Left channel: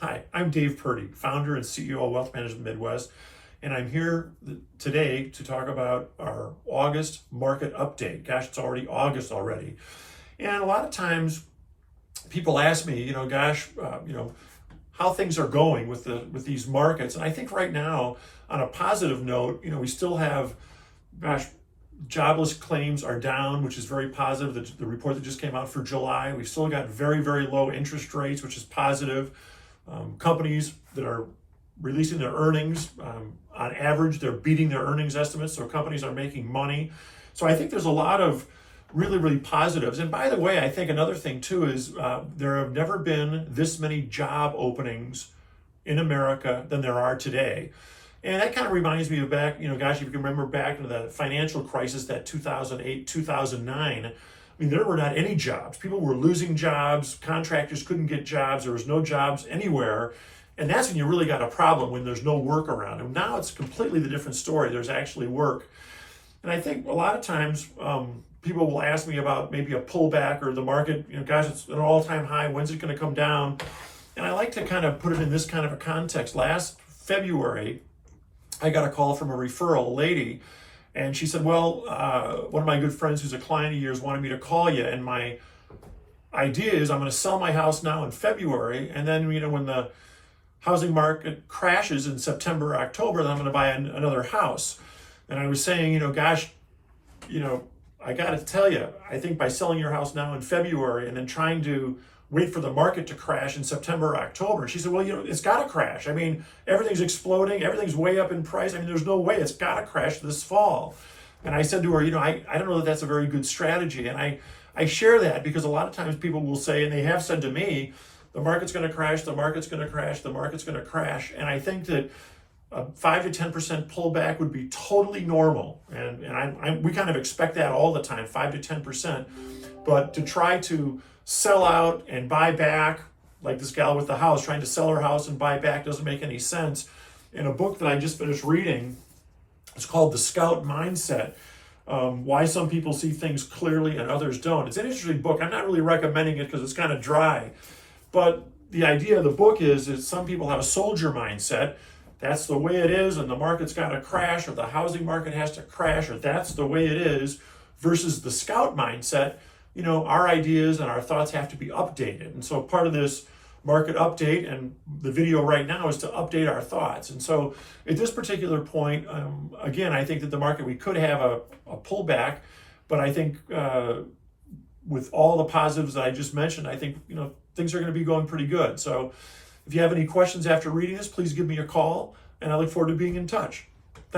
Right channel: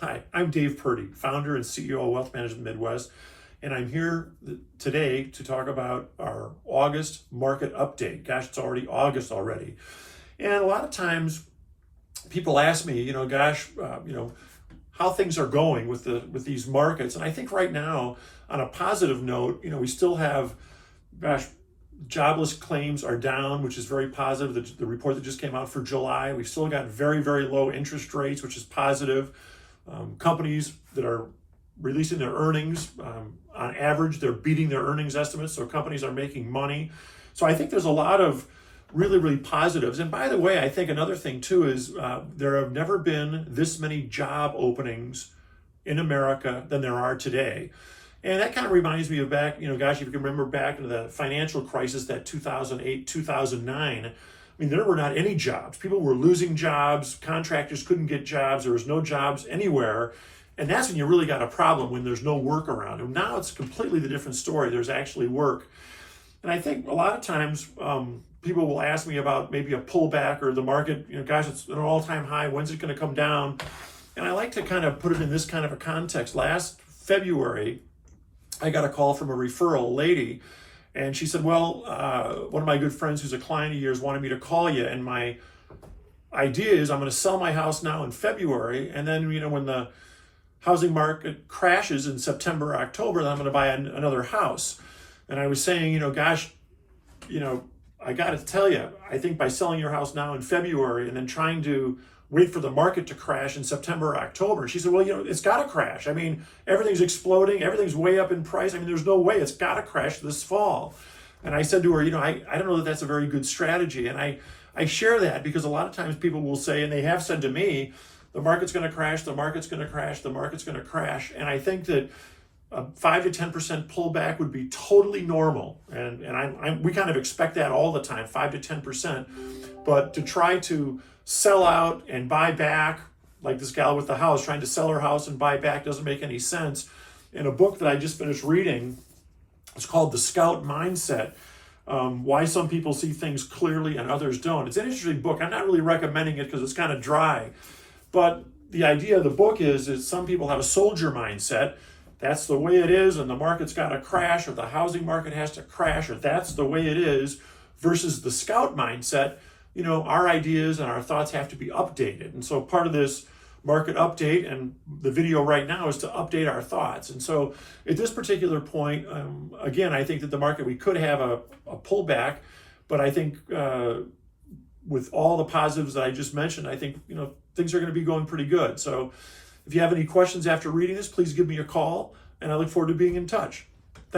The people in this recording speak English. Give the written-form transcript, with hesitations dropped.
Hi, I'm Dave Purdy, founder and CEO of Wealth Management Midwest, and I'm here today to talk about our August market update. Gosh, it's already August already. And a lot of times people ask me, how things are going with these markets. And I think right now, on a positive note, we still have, jobless claims are down, which is very positive. The report that just came out for July, we've still got very, very low interest rates, which is positive. Companies that are releasing their earnings, on average, they're beating their earnings estimates, so companies are making money. So I think there's a lot of really, really positives. And by the way, I think another thing too is there have never been this many job openings in America than there are today. And that kind of reminds me of back, if you can remember back in the financial crisis, that 2008, 2009, there were not any jobs. People were losing jobs. Contractors couldn't get jobs. There was no jobs anywhere. And that's when you really got a problem, when there's no work around. And now it's completely the different story. There's actually work. And I think a lot of times people will ask me about maybe a pullback or the market, it's an all-time high. When's it going to come down? And I like to kind of put it in this kind of a context. Last February, I got a call from a referral lady. And she said, well, one of my good friends who's a client of yours wanted me to call you. And my idea is I'm going to sell my house now in February. And then, when the housing market crashes in September, October, then I'm going to buy another house. And I was saying, I got to tell you, I think by selling your house now in February and then trying to wait for the market to crash in September, October. And she said, well, it's got to crash. Everything's exploding. Everything's way up in price. There's no way. It's got to crash this fall. And I said to her, I don't know that that's a very good strategy. And I share that because a lot of times people will say, and they have said to me, the market's going to crash, the market's going to crash, the market's going to crash. And I think that a 5 to 10% pullback would be totally normal. And we kind of expect that all the time, 5 to 10%. But to try to sell out and buy back, like this gal with the house trying to sell her house and buy back, doesn't make any sense. In a book that I just finished reading, it's called The Scout Mindset, Why Some People See Things Clearly and Others Don't. It's an interesting book. I'm not really recommending it because it's kind of dry. But the idea of the book is that some people have a soldier mindset. That's the way it is, and the market's got to crash, or the housing market has to crash, or that's the way it is, versus the scout mindset. Our ideas and our thoughts have to be updated. And so part of this market update and the video right now is to update our thoughts. And so at this particular point, again, I think that the market, we could have a pullback, but I think with all the positives that I just mentioned, I think, things are going to be going pretty good. So if you have any questions after reading this, please give me a call, and I look forward to being in touch.